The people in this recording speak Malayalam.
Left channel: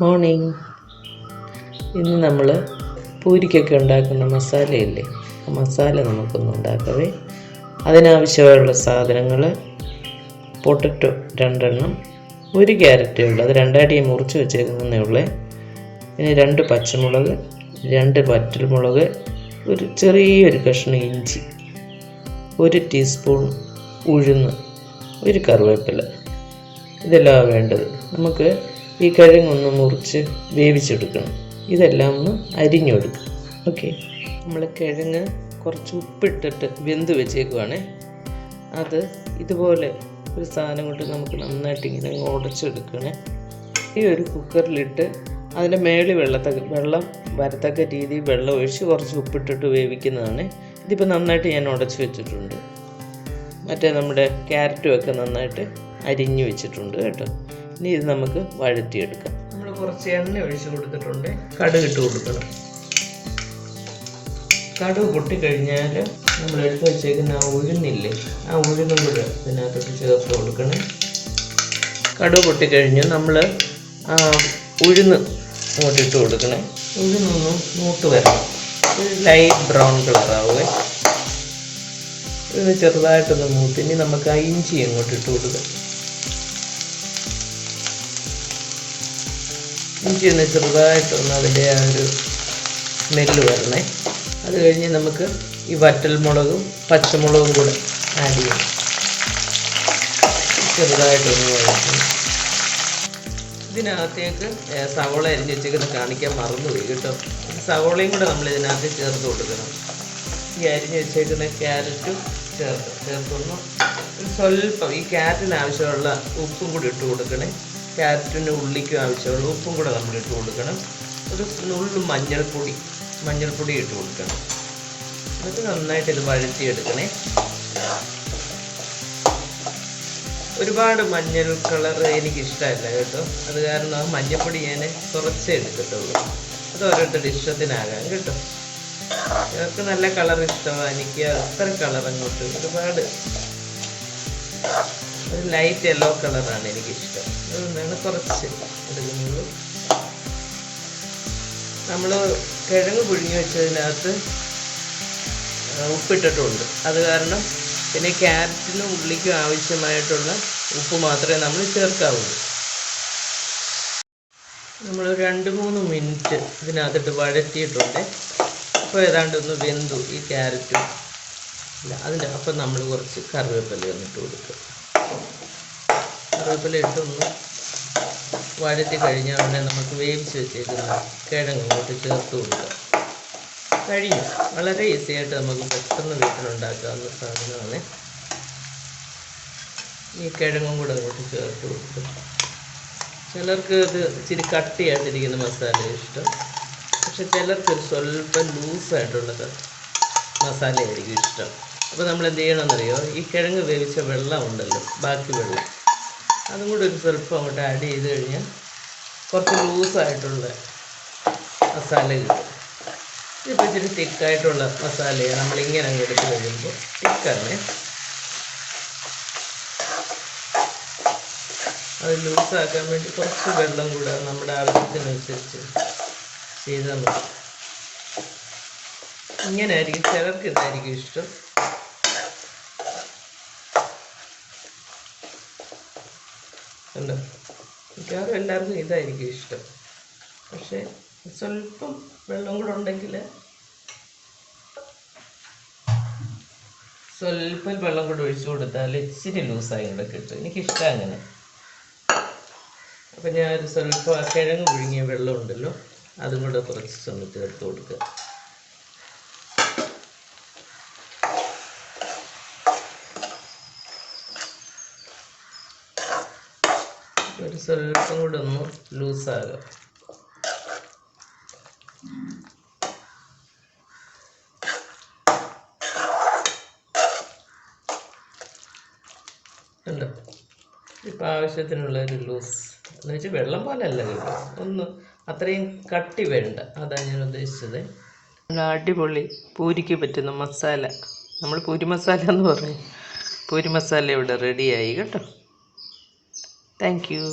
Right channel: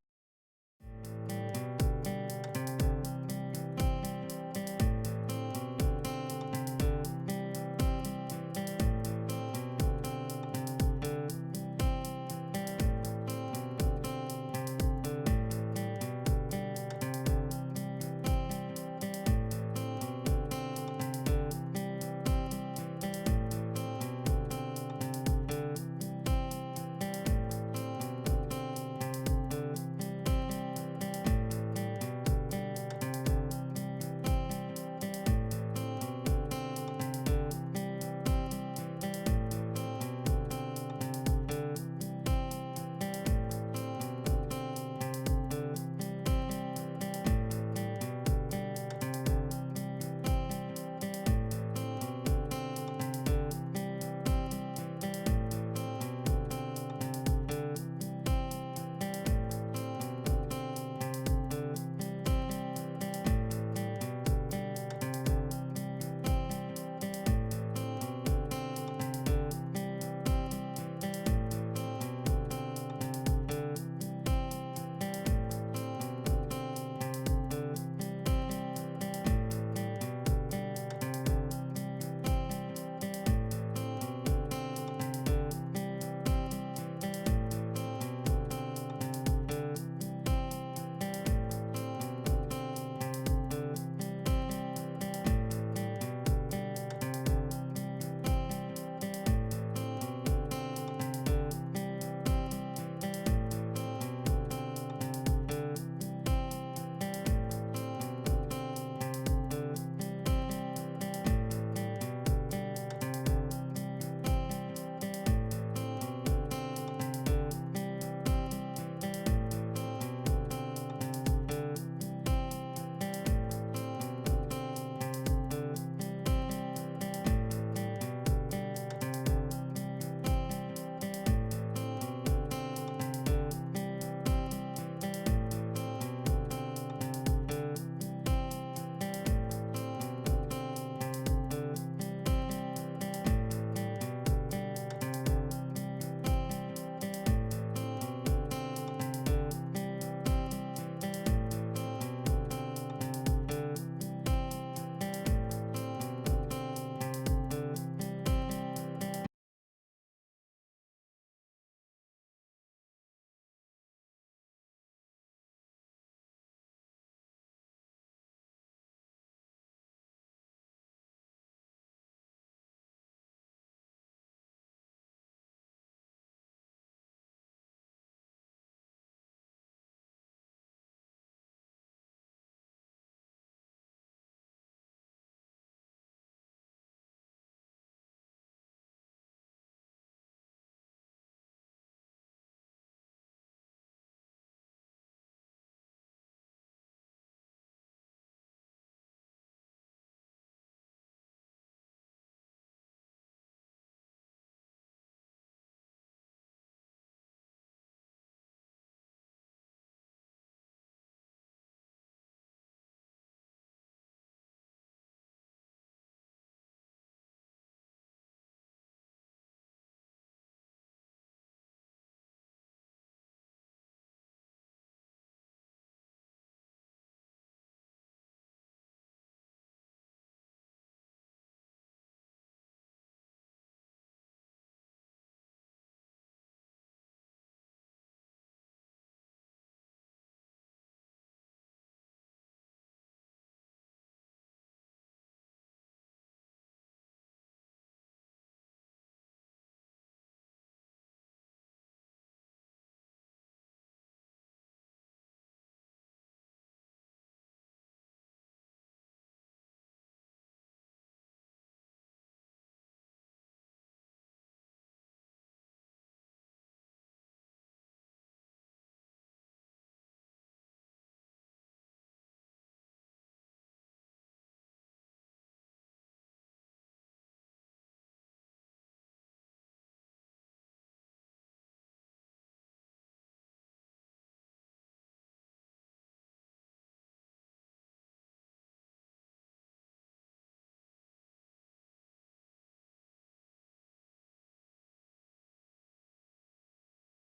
മോർണിംഗ്. ഇന്ന് നമ്മൾ പൂരിക്കൊക്കെ ഉണ്ടാക്കുന്ന മസാലയില്ലേ, ആ മസാല നമുക്കൊന്ന് ഉണ്ടാക്കവേ. അതിനാവശ്യമുള്ള സാധനങ്ങൾ: പൊട്ടറ്റോ 2 എണ്ണം, 1 ക്യാരറ്റേ ഉള്ളൂ, അത് 2ആയിട്ട് മുറിച്ച് വെച്ചേക്കുന്നതേ ഉള്ളേ. പിന്നെ 2 പച്ചമുളക്, 2 വറ്റൽമുളക്, ഒരു ചെറിയൊരു കഷ്ണം ഇഞ്ചി, 1 ടീസ്പൂൺ ഉഴുന്ന്, 1 കറിവേപ്പില. ഇതെല്ലാം വേണ്ടത്. നമുക്ക് ഈ കിഴങ്ങൊന്ന് മുറിച്ച് വേവിച്ചെടുക്കണം. ഇതെല്ലാം ഒന്ന് അരിഞ്ഞെടുക്കും. ഓക്കെ, നമ്മൾ കിഴങ്ങ് കുറച്ച് ഉപ്പിട്ടിട്ട് വെന്ത് വെച്ചേക്കുവാണേ. അത് ഇതുപോലെ ഒരു സാധനം കൊണ്ട് നമുക്ക് നന്നായിട്ട് ഇങ്ങനെ ഉടച്ചെടുക്കണേ. ഈ ഒരു കുക്കറിലിട്ട് അതിൻ്റെ മേളിൽ വെള്ളം വരത്തക്ക രീതിയിൽ വെള്ളം ഒഴിച്ച് കുറച്ച് ഉപ്പിട്ടിട്ട് വേവിക്കുന്നതാണ്. ഇതിപ്പോൾ നന്നായിട്ട് ഞാൻ ഉടച്ച് വെച്ചിട്ടുണ്ട്. മറ്റേ നമ്മുടെ ക്യാരറ്റും ഒക്കെ നന്നായിട്ട് അരിഞ്ഞ് വെച്ചിട്ടുണ്ട് കേട്ടോ. ഇനി ഇത് നമുക്ക് വഴറ്റിയെടുക്കാം. നമ്മൾ കുറച്ച് എണ്ണ ഒഴിച്ച് കൊടുത്തിട്ടുണ്ട്. കടുക് ഇട്ട് കൊടുക്കണം. കടുക് പൊട്ടിക്കഴിഞ്ഞാൽ നമ്മൾ എടുത്ത് വെച്ചേക്കുന്ന ആ ഉഴുന്നില്ലേ, ആ ഉഴുന്നും കൂടെ ഇതിനകത്തോട്ട് ചേർത്ത് കൊടുക്കണം. കടുക് പൊട്ടിക്കഴിഞ്ഞ് നമ്മൾ ഉഴുന്ന് അങ്ങോട്ട് ഇട്ട് കൊടുക്കണം. ഉഴുന്നൊന്ന് മൂത്ത് വരണം. ഒരു ലൈറ്റ് ബ്രൗൺ കളറാവുക. ഇത് ചെറുതായിട്ടൊന്ന് മൂത്ത് ഇനി നമുക്ക് ആ ഇഞ്ചി അങ്ങോട്ട് ഇട്ട് കൊടുക്കാം. ഇഞ്ചി ഒന്ന് ചെറുതായിട്ടൊന്ന് അതിൻ്റെ ആ ഒരു സ്മെല്ല് വരണേ. അത് കഴിഞ്ഞ് നമുക്ക് ഈ വറ്റൽമുളകും പച്ചമുളകും കൂടെ ആഡ് ചെയ്യാം. ചെറുതായിട്ടൊന്ന് വഴറ്റണം. ഇതിനകത്തേക്ക് സവോള അരിഞ്ഞ് വെച്ചേക്കുന്നത് കാണിക്കാൻ മറന്നുപോയി കേട്ടോ. സവോളയും കൂടെ നമ്മൾ ഇതിനകത്ത് ചേർത്ത് കൊടുക്കണം. ഈ അരിഞ്ഞ് വെച്ചേക്കുന്ന ക്യാരറ്റും ചേർക്കുന്നു. സ്വല്പം ഈ ക്യാരറ്റിന് ആവശ്യമുള്ള ഉപ്പും കൂടി ഇട്ട് കൊടുക്കണേ. ക്യാരറ്റിന് ഉള്ളിക്കും ആവശ്യമുള്ള ഉപ്പും കൂടെ നമ്മൾ ഇട്ട് കൊടുക്കണം. ഒരു നുള്ളു മഞ്ഞൾപ്പൊടി ഇട്ട് കൊടുക്കണം. അത് നന്നായിട്ട് ഇത് വഴറ്റിയെടുക്കണേ. ഒരുപാട് മഞ്ഞൾ കളർ എനിക്കിഷ്ടമല്ല കേട്ടോ. അത് കാരണം ആ മഞ്ഞൾപ്പൊടി ഞാൻ കുറച്ചേ എടുക്കത്തുള്ളൂ. അത് ഓരോരുത്തരുടെ ഇഷ്ടത്തിനാകാം കേട്ടോ. ഇവർക്ക് നല്ല കളർ ഇഷ്ടമാണ്, എനിക്ക് അത്ര കളർ അങ്ങോട്ട് ഒരുപാട് ഒരു ലൈറ്റ് യെല്ലോ കളറാണ് എനിക്കിഷ്ടം. അതുകൊണ്ടാണ് കുറച്ച് എടുക്കുന്നത്. നമ്മൾ കിഴങ്ങ് പുഴുങ്ങി വെച്ചതിനകത്ത് ഉപ്പിട്ടിട്ടുണ്ട്. അത് കാരണം പിന്നെ ക്യാരറ്റിനും ഉള്ളിക്കും ആവശ്യമായിട്ടുള്ള ഉപ്പ് മാത്രമേ നമ്മൾ ചേർക്കാവുള്ളൂ. നമ്മൾ 2-3 മിനിറ്റ് ഇതിനകത്തിട്ട് വഴറ്റിയിട്ടുണ്ട്. അപ്പോൾ ഏതാണ്ട് ഒന്ന് വെന്തു ഈ ക്യാരറ്റും. അതിൻ്റെ അപ്പം നമ്മൾ കുറച്ച് കറിവേപ്പില ഒന്നിട്ട് കൊടുക്കുക. കറിവേപ്പില ഇട്ടൊന്ന് വഴറ്റി കഴിഞ്ഞാൽ ഉടനെ നമുക്ക് വേവിച്ച് വെച്ചേക്കുന്ന കിഴങ്ങ് അങ്ങോട്ട് ചേർത്ത് കൊടുക്കുക. കഴിഞ്ഞു. വളരെ ഈസി ആയിട്ട് നമുക്ക് പെട്ടെന്ന് വീട്ടിലുണ്ടാക്കാവുന്ന സാധനമാണ്. ഈ കിഴങ്ങും കൂടെ അങ്ങോട്ട് ചേർത്ത് കൊടുക്കുക. ചിലർക്ക് ഇത് ഇച്ചിരി കട്ടിയായിട്ടിരിക്കുന്ന മസാല ഇഷ്ടം, പക്ഷെ ചിലർക്ക് സ്വല്പം ലൂസായിട്ടുള്ളത് മസാലയായിരിക്കും ഇഷ്ടം. അപ്പോൾ നമ്മൾ എന്ത് ചെയ്യണമെന്നറിയോ, ഈ കിഴങ്ങ് വേവിച്ച വെള്ളം ഉണ്ടല്ലോ, ബാക്കി വെള്ളം, അതും കൂടി ഒരു സ്വല്പം അങ്ങോട്ട് ആഡ് ചെയ്ത് കഴിഞ്ഞാൽ കുറച്ച് ലൂസായിട്ടുള്ള മസാല കിട്ടും. ഇതിപ്പോൾ ഇച്ചിരി തിക്കായിട്ടുള്ള മസാലയാണ്. നമ്മളിങ്ങനെ അങ്ങ് എടുത്ത് കഴിയുമ്പോൾ തിക്കാണ്. അത് ലൂസാക്കാൻ വേണ്ടി കുറച്ച് വെള്ളം കൂടെ നമ്മുടെ ആവശ്യത്തിനനുസരിച്ച് ചെയ്താൽ മതി. ഇങ്ങനെ ആയിരിക്കും ചിലർക്ക് ഇതായിരിക്കും ഇഷ്ടം. ഉണ്ടോ, മിക്കവാറും എല്ലാവർക്കും ഇതായിരിക്കും ഇഷ്ടം. പക്ഷേ സ്വല്പം വെള്ളം കൂടെ ഉണ്ടെങ്കിൽ, സ്വല്പം വെള്ളം കൂടെ ഒഴിച്ചു കൊടുത്താൽ ഇച്ചിരി ലൂസായി കൂടെ കിട്ടും. എനിക്കിഷ്ടം അങ്ങനെ. അപ്പം ഞാനൊരു സ്വല്പം കിഴങ്ങ് പുഴുങ്ങിയ വെള്ളം ഉണ്ടല്ലോ, അതും കൂടെ കുറച്ച് ഒന്ന് ചേർത്ത് കൊടുക്കുക. ഒരു സ്വല്പം കൂടെ ഒന്ന് ലൂസാകാം. ഉണ്ടോ, ഇപ്പം ആവശ്യത്തിനുള്ള ഒരു ലൂസ് എന്ന് വെച്ചാൽ വെള്ളം പോലല്ല കേട്ടോ, ഒന്ന് അത്രയും കട്ടി വേണ്ട, അതാണ് ഞാൻ ഉദ്ദേശിച്ചത്. അടിപൊളി പൂരിക്ക് പറ്റുന്ന മസാല, നമ്മൾ പൂരി മസാല എന്ന് പറയും. പൂരി മസാല ഇവിടെ റെഡിയായി കേട്ടോ. Thank you.